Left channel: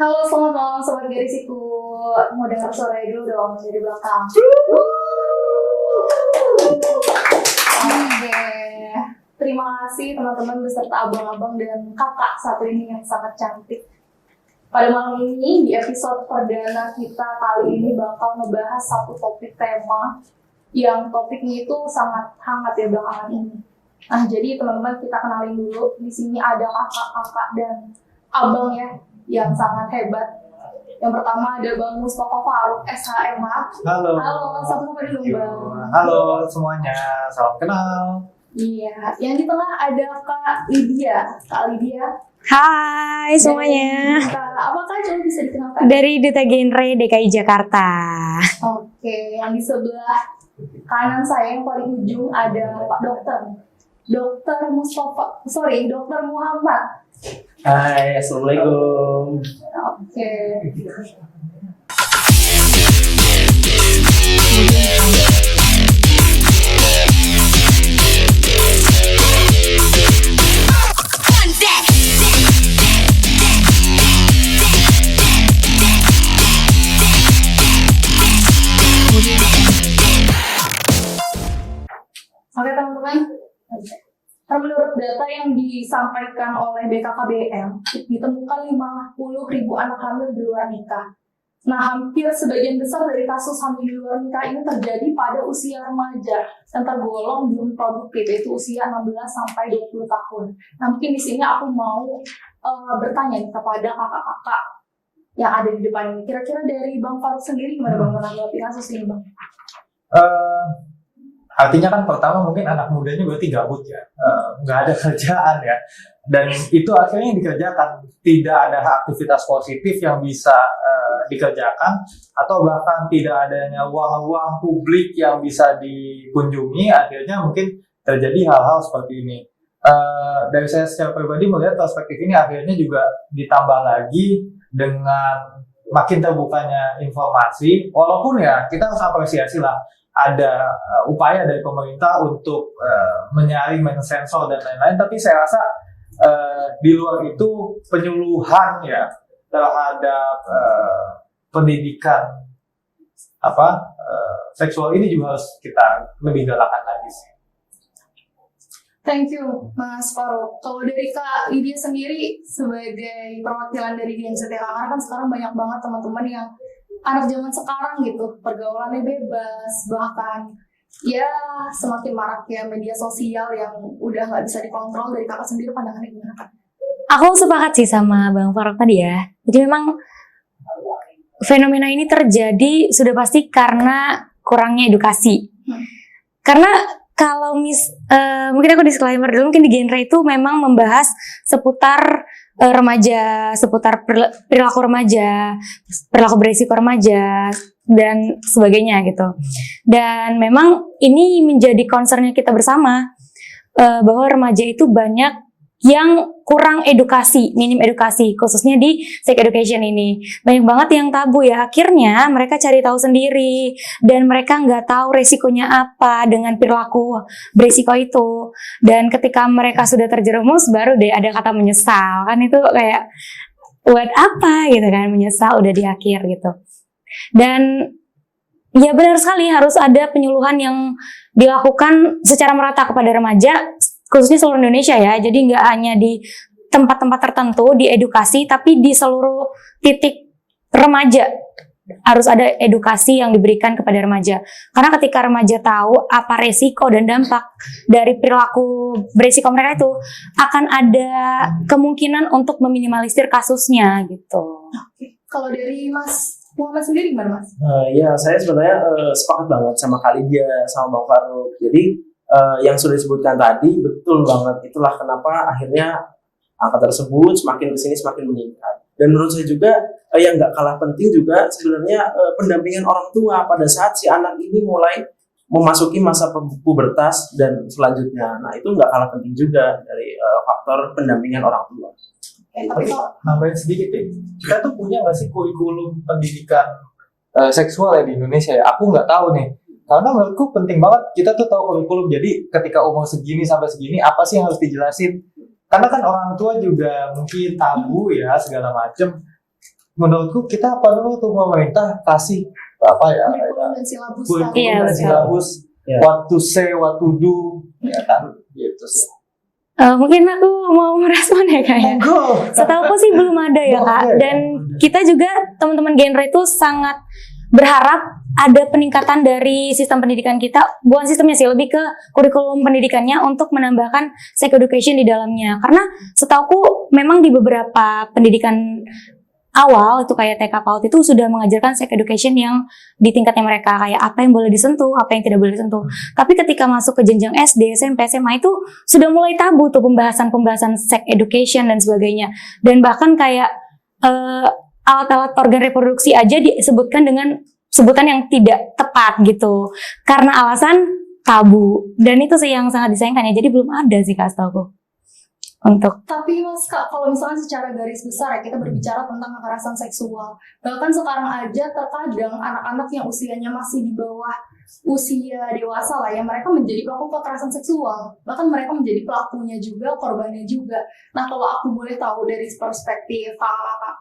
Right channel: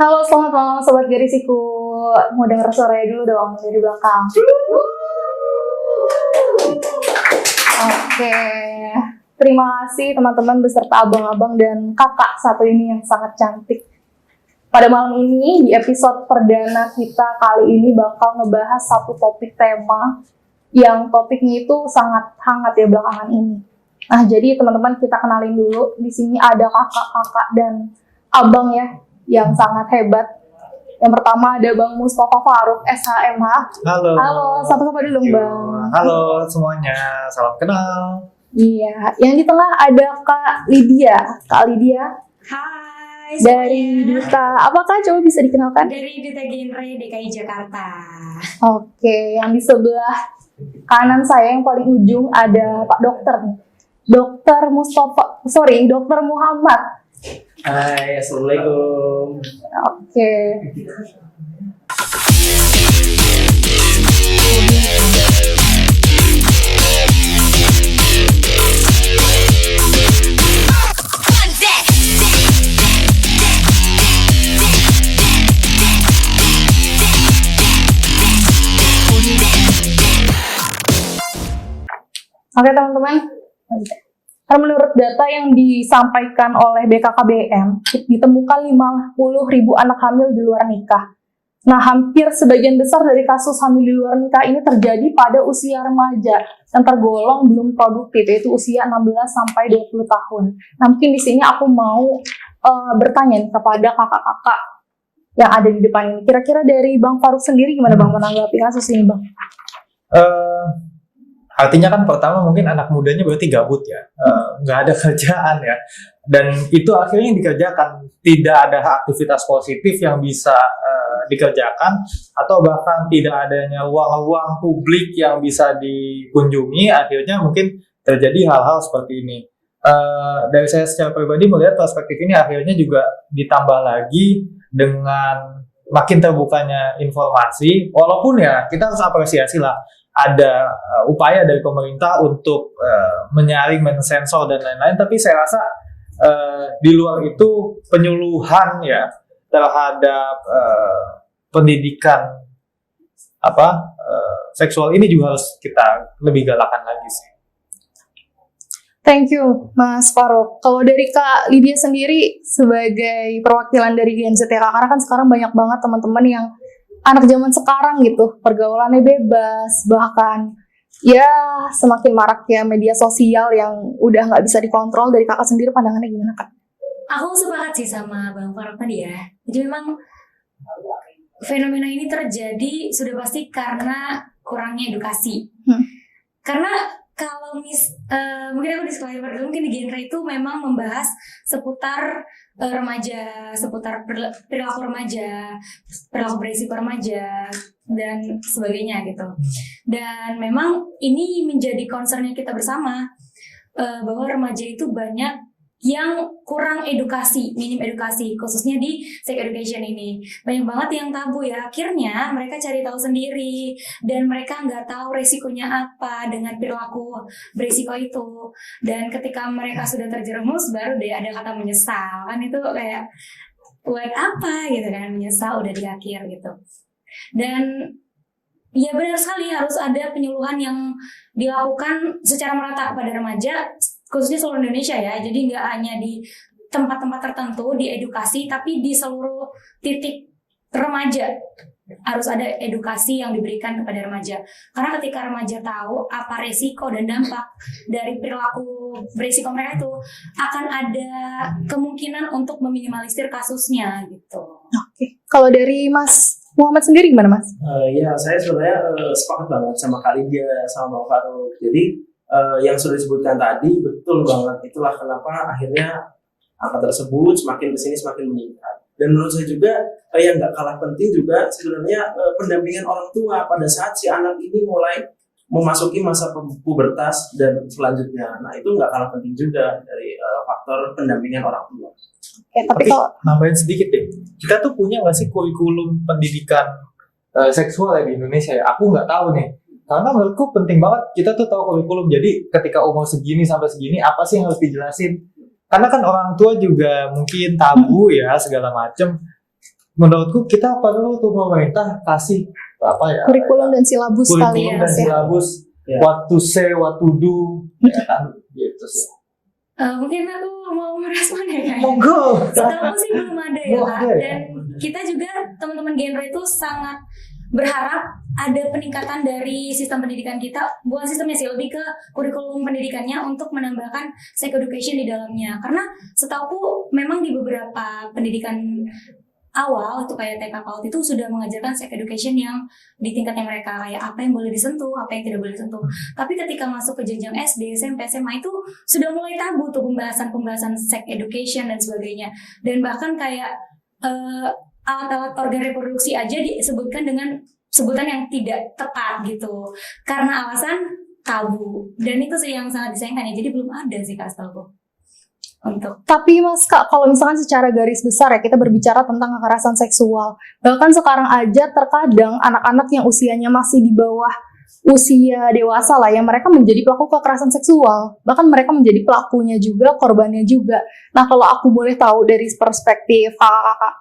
Halo, selamat malam Sobat Garisiku. Mau denger suaranya dulu dong dari belakang. Oke. Terima kasih teman-teman beserta abang-abang dan kakak satu ini yang sangat cantik. Pada malam ini, di episode perdana kita kali ini bakal ngebahas satu topik tema yang topiknya itu sangat hangat ya belakangan ini. Nah, jadi teman-teman kita kenalin dulu. Di sini ada kakak-kakak dan abang ya yang sangat hebat. Yang pertama ada Bang Mustafa Faruk, SHMH. Halo. Halo, sapa-sapa dulu Bang. Halo semuanya, salam kenal. Iya, yang di tengah ada Kak Lydia. Kak Lydia. Hai semuanya. Apakah coba bisa dikenalkan? Dari Duta Genre DKI Jakarta. Oke, yang di sebelah kanan saya yang paling ujung ada Pak Dokter. Dokter Muhammad. Hai, assalamualaikum. Oke. Oke teman-teman. Menurut data yang disampaikan oleh BKKBN, ditemukan 50.000 anak hamil di luar nikah. Nah, hampir sebagian besar dari kasus hamil di luar nikah ini terjadi pada usia remaja yang tergolong belum produktif, yaitu usia 16-20 tahun. Nah, mungkin di sini aku mau bertanya kepada kakak-kakak yang ada di depan ini. Kira-kira dari Bang Faruk sendiri gimana Bang menanggapi kasus ini Bang? Artinya kan pertama mungkin anak mudanya berarti gabut ya, nggak ada kerjaan ya, dan itu akhirnya dikerjakan, tidak ada aktivitas positif yang bisa dikerjakan, atau bahkan tidak adanya ruang-ruang publik yang bisa dikunjungi, akhirnya mungkin terjadi hal-hal seperti ini. Dari saya secara pribadi melihat perspektif ini akhirnya juga ditambah lagi dengan makin terbukanya informasi, walaupun ya kita harus apresiasi lah, ada upaya dari pemerintah untuk menyaring, mensensor dan lain-lain, tapi saya rasa di luar itu penyuluhan ya terhadap pendidikan seksual ini juga harus kita lebih galakan lagi sih. Thank you Mas Faruk. Kalau dari Kak Lydia sendiri sebagai perwakilan dari Gen Z ya, karena kan sekarang banyak banget teman-teman yang anak zaman sekarang gitu, pergaulannya bebas, bahkan ya semakin marak ya media sosial yang udah nggak bisa dikontrol. Dari kakak sendiri pandangannya gimana Kak? Aku sepakat sih sama Bang Faruk tadi ya. Jadi memang fenomena ini terjadi sudah pasti karena kurangnya edukasi. Karena kalau mungkin aku disclaimer dulu, mungkin di genre itu memang membahas seputar remaja, seputar perilaku remaja, perilaku beresiko remaja, dan sebagainya gitu. Dan memang ini menjadi concernnya kita bersama, bahwa remaja itu banyak yang kurang edukasi, minim edukasi, khususnya di sex education ini. Banyak banget yang tabu ya, akhirnya mereka cari tahu sendiri, dan mereka nggak tahu resikonya apa dengan perilaku beresiko itu. Dan ketika mereka sudah terjerumus, baru deh ada kata menyesal, kan itu kayak, buat apa gitu kan, menyesal udah di akhir gitu. Dan ya benar sekali, harus ada penyuluhan yang dilakukan secara merata kepada remaja, khususnya seluruh Indonesia ya, jadi nggak hanya di tempat-tempat tertentu diedukasi, tapi di seluruh titik remaja harus ada edukasi yang diberikan kepada remaja. Karena ketika remaja tahu apa resiko dan dampak dari perilaku beresiko mereka itu, akan ada kemungkinan untuk meminimalisir kasusnya gitu. Oke. Kalau dari Mas Muhammad sendiri gimana Mas? Ya, saya sebenarnya sepakat banget sama Kak Lydia, sama Bang Faruk. Jadi yang sudah disebutkan tadi betul banget, itulah kenapa akhirnya angka tersebut semakin kesini semakin meningkat. Dan menurut saya juga yang nggak kalah penting juga sebenarnya pendampingan orang tua pada saat si anak ini mulai memasuki masa pubertas dan selanjutnya. Nah, itu nggak kalah penting juga dari faktor pendampingan orang tua. Tapi kalau nambahin sedikit deh, kita tuh punya nggak sih kurikulum pendidikan seksual ya di Indonesia ya? Aku nggak tahu nih. Karena menurutku penting banget kita tuh tahu kurikulum. Jadi ketika umur segini sampai segini apa sih yang harus dijelasin? Karena kan orang tua juga mungkin tabu ya segala macem. Menurutku kita perlu tuh pemerintah kasih apa ya? Kurikulum dan silabus Kurikulum kali ya. dan silabus. Ya. What to say, what to do, ya kan? Gitu sih. Mungkin aku mau merespon ya Kak ya. Monggo. Setahuku sih belum ada ya Belum Kak. ada ya? Dan kita juga teman-teman genre itu sangat berharap ada peningkatan dari sistem pendidikan kita, bukan sistemnya sih, lebih ke kurikulum pendidikannya untuk menambahkan sex education di dalamnya. Karena setahuku memang di beberapa pendidikan awal itu kayak TK PAUD itu sudah mengajarkan sex education yang di tingkatnya mereka, kayak apa yang boleh disentuh, apa yang tidak boleh disentuh. Tapi ketika masuk ke jenjang SD, SMP, SMA itu sudah mulai tabu tuh pembahasan sex education dan sebagainya. Dan bahkan kayak alat-alat organ reproduksi aja disebutkan dengan sebutan yang tidak tepat gitu. Karena alasan tabu. Dan itu sih yang sangat disayangkan ya. Jadi belum ada sih Kak setahuku. Untuk Tapi Mas Kak, kalau misalkan secara garis besar ya kita berbicara tentang kekerasan seksual. Bahkan sekarang aja terkadang anak-anak yang usianya masih di bawah usia dewasa lah ya, mereka menjadi pelaku kekerasan seksual. Bahkan mereka menjadi pelakunya juga, korbannya juga. Nah kalau aku boleh tahu dari perspektif kakak-kakak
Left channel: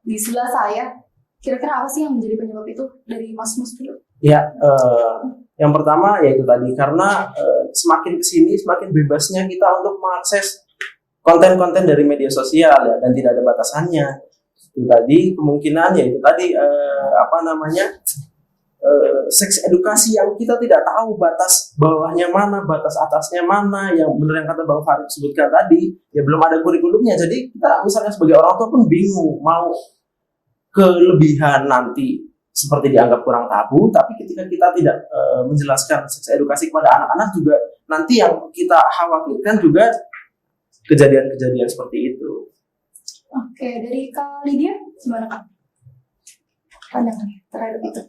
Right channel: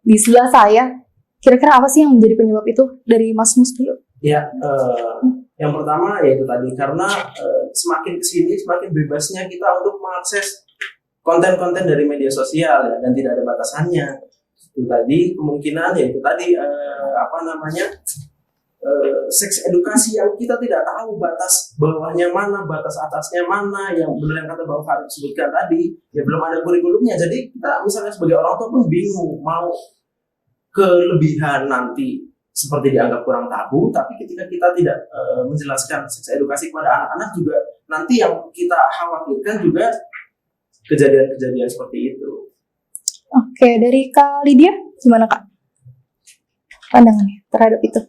di sebelah saya, kira-kira apa sih yang menjadi penyebab itu dari Mas Mus dulu? Ya, yang pertama yaitu tadi karena semakin kesini semakin bebasnya kita untuk mengakses konten-konten dari media sosial ya, dan tidak ada batasannya. Itu tadi kemungkinan yaitu tadi seks edukasi yang kita tidak tahu batas bawahnya mana, batas atasnya mana, yang benar yang kata Bang Farid sebutkan tadi, ya belum ada kurikulumnya. Jadi kita misalnya sebagai orang tua pun bingung mau kelebihan nanti seperti dianggap kurang tabu, tapi ketika kita tidak menjelaskan seks edukasi kepada anak-anak juga nanti yang kita khawatirkan juga kejadian-kejadian seperti itu. Oke, dari Kak Lydia, gimana Kak pandangannya terhadap itu?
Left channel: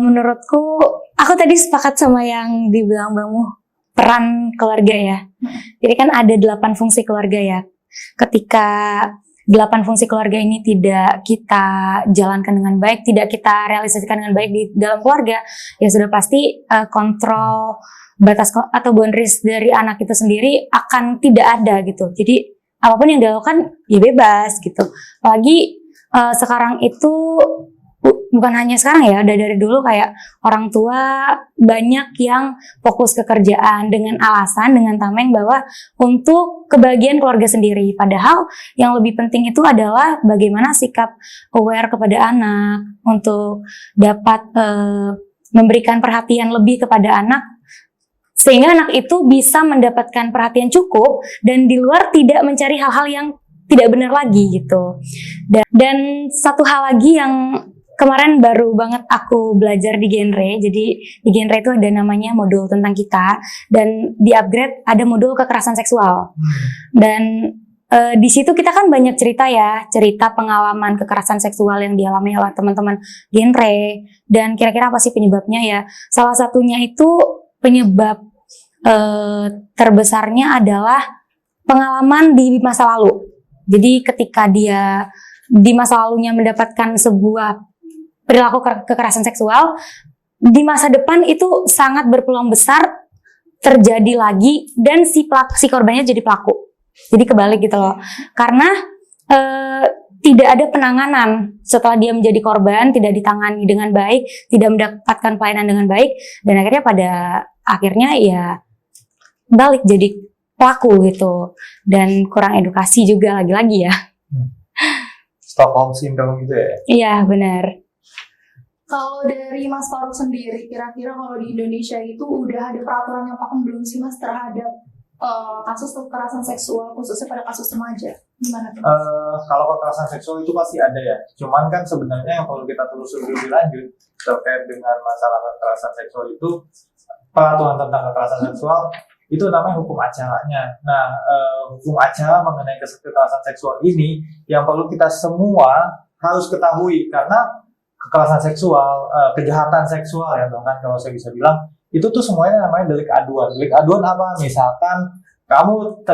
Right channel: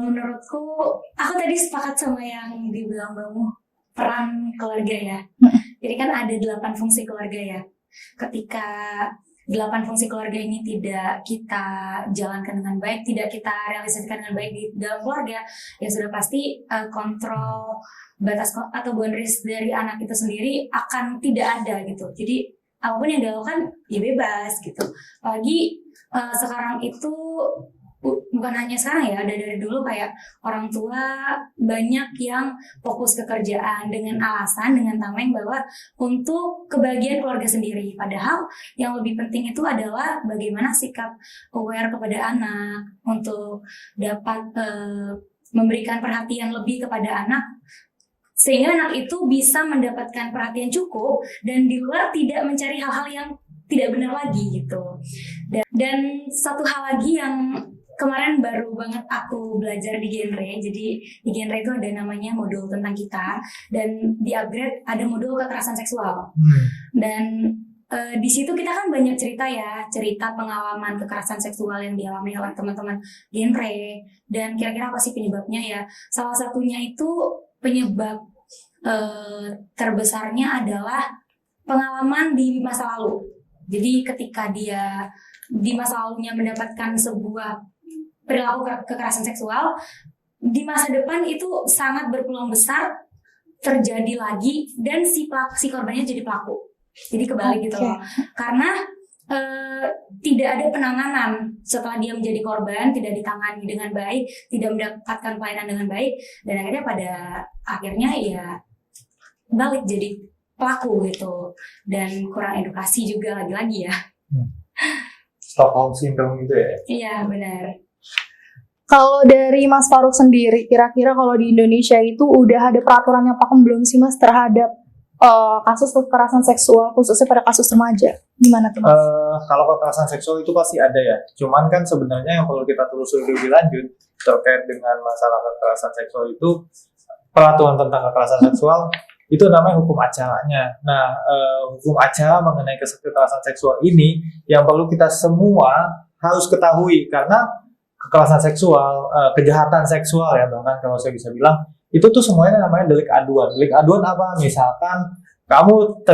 menurutku, aku tadi sepakat sama yang dibilang Bang Mu, peran keluarga ya. Jadi kan ada 8 fungsi keluarga ya. Ketika 8 fungsi keluarga ini tidak kita jalankan dengan baik, tidak kita realisasikan dengan baik di dalam keluarga, ya sudah pasti kontrol batas atau boundaries dari anak itu sendiri akan tidak ada gitu. Jadi apapun yang dilakukan ya bebas gitu. Apalagi sekarang itu bukan hanya sekarang ya, dari dulu kayak orang tua banyak yang fokus ke kerjaan dengan alasan, dengan tameng bahwa untuk kebahagiaan keluarga sendiri. Padahal yang lebih penting itu adalah bagaimana sikap aware kepada anak untuk dapat memberikan perhatian lebih kepada anak, sehingga anak itu bisa mendapatkan perhatian cukup dan di luar tidak mencari hal-hal yang tidak benar lagi gitu. Dan satu hal lagi yang kemarin baru banget aku belajar di genre. Jadi di genre itu ada namanya modul tentang kita, dan di upgrade ada modul kekerasan seksual. Dan di situ kita kan banyak cerita ya, cerita pengalaman kekerasan seksual yang dialami oleh teman-teman genre. Dan kira-kira apa sih penyebabnya ya? Salah satunya itu penyebab terbesarnya adalah pengalaman di masa lalu. Jadi ketika dia di masa lalunya mendapatkan sebuah perilaku kekerasan seksual, di masa depan itu sangat berpeluang besar terjadi lagi dan si korbannya jadi pelaku. Jadi kebalik gitu loh. Karena tidak ada penanganan setelah dia menjadi korban, tidak ditangani dengan baik, tidak mendapatkan pelayanan dengan baik, dan akhirnya pada akhirnya ya balik jadi pelaku gitu. Dan kurang edukasi juga lagi-lagi ya. Stockholm Syndrome gitu ya? Iya benar. Kalau dari Mas Faruk sendiri, kira-kira kalau di Indonesia itu udah ada peraturan yang pakem belum sih Mas terhadap kasus kekerasan seksual, khususnya pada kasus remaja? Gimana tuh Mas? Kalau kekerasan seksual itu pasti ada ya. Cuman kan sebenarnya yang perlu kita telusuri lebih lanjut terkait dengan masalah kekerasan seksual itu, peraturan tentang kekerasan seksual itu namanya hukum acaranya. Nah, hukum acara mengenai kekerasan seksual ini yang perlu kita semua harus ketahui, karena kekerasan seksual, kejahatan seksual ya bahkan kalau saya bisa bilang, itu tuh semuanya namanya delik aduan. Delik aduan apa? Misalkan kamu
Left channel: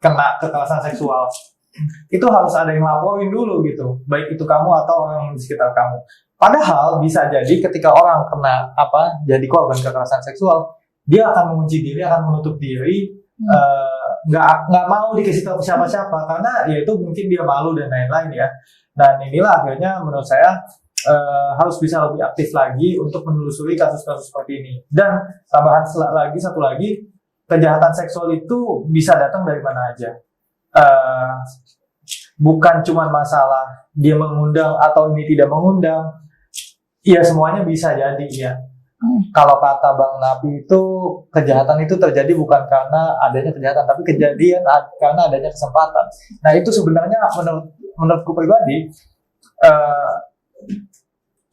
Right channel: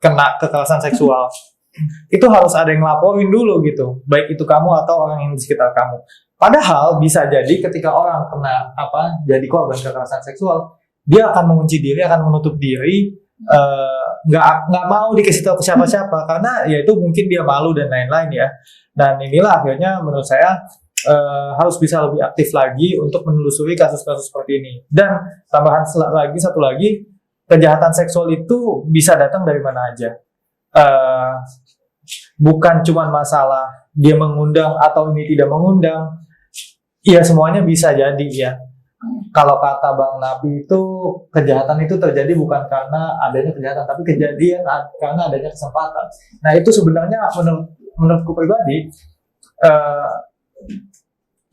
kena kekerasan seksual, itu harus ada yang laporin dulu gitu, baik itu kamu atau orang yang di sekitar kamu. Padahal bisa jadi ketika orang kena jadi korban kekerasan seksual, dia akan mengunci diri, akan menutup diri, nggak mau dikasih tahu ke siapa-siapa karena ya itu mungkin dia malu dan lain-lain ya. Dan inilah akhirnya menurut saya harus bisa lebih aktif lagi untuk menelusuri kasus-kasus seperti ini. Dan tambahan satu lagi, kejahatan seksual itu bisa datang dari mana aja. Bukan cuma masalah dia mengundang atau ini tidak mengundang, ya semuanya bisa jadi ya. Kalau kata Bang Nabi itu, kejahatan itu terjadi bukan karena adanya kejahatan, tapi kejadian karena adanya kesempatan. Nah itu sebenarnya menurutku pribadi,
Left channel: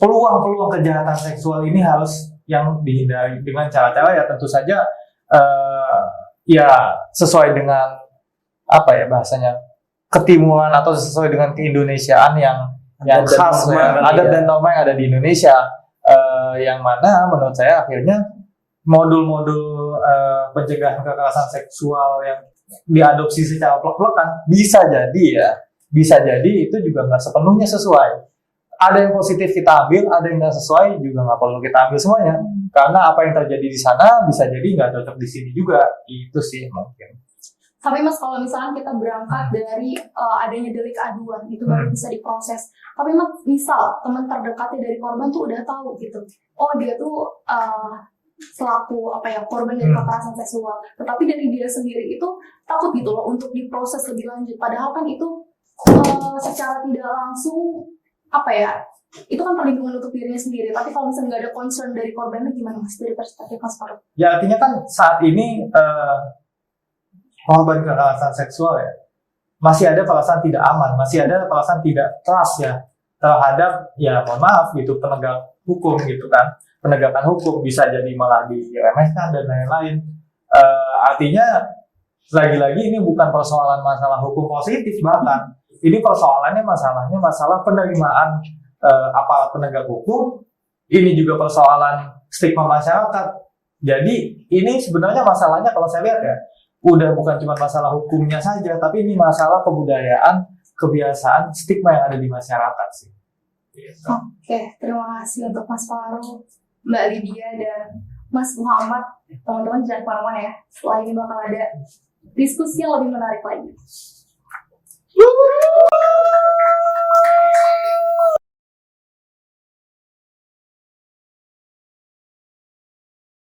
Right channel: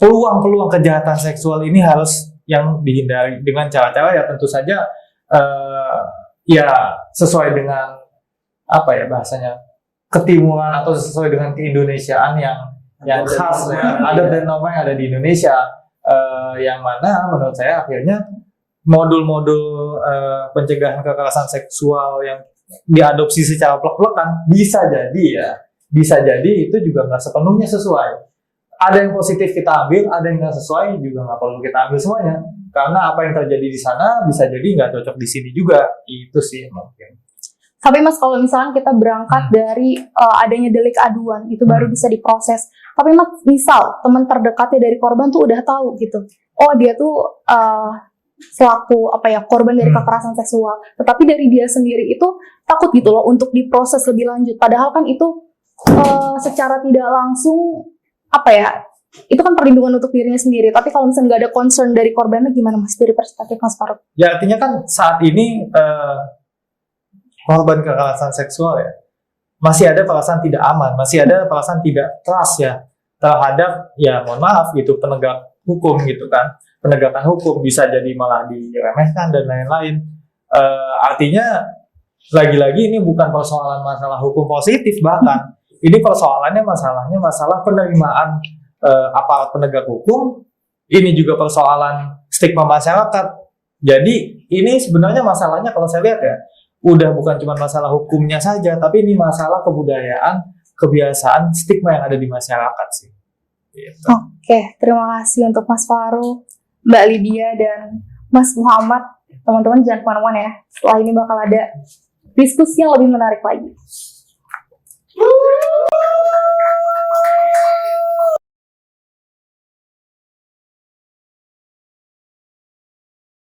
peluang-peluang kejahatan seksual ini harus yang dihindari dengan cara-cara ya tentu saja ya sesuai dengan bahasanya ketimuran atau sesuai dengan keindonesiaan yang khas ya, adat dan norma yang ada di Indonesia, yang mana menurut saya akhirnya modul-modul pencegahan kekerasan seksual yang diadopsi secara plek-plekan bisa jadi itu juga nggak sepenuhnya sesuai. Ada yang positif kita ambil, ada yang nggak sesuai juga nggak perlu kita ambil semuanya, karena apa yang terjadi di sana bisa jadi nggak cocok di sini juga. Itu sih mungkin. Tapi Mas, kalau misalnya kita berangkat dari adanya delik aduan, itu baru bisa diproses. Tapi Mas, misal teman terdekatnya dari korban tuh udah tahu gitu, oh dia tuh selaku korban dari kekerasan seksual, tetapi dari dia sendiri itu takut gitu loh untuk diproses lebih lanjut. Padahal kan itu secara tidak langsung itu kan perlindungan untuk dirinya sendiri. Tapi kalau misalnya nggak ada concern dari korbannya, gimana Mas dari perspektif Mas Farouk? Ya artinya kan saat ini korban kekerasan seksual ya masih ada perasaan tidak aman, masih ada perasaan tidak trust ya terhadap mohon maaf gitu penegak hukum gitu kan. Penegakan hukum bisa jadi malah diremehkan dan lain-lain. Artinya lagi-lagi ini bukan persoalan masalah hukum positif, bahkan ini persoalannya masalah penerimaan aparat penegak hukum. Ini juga persoalan stigma masyarakat. Jadi ini sebenarnya masalahnya kalau saya lihat ya udah bukan cuma masalah hukumnya saja, tapi ini masalah kebudayaan, kebiasaan, stigma yang ada di masyarakat sih. Gitu. Oke, terima kasih untuk Mas Farouk, Mbak Lydia, dan Mas Muhammad. Teman-teman jangan kemana-mana ya. Setelah ini bakal ada diskusi yang lebih menarik lagi.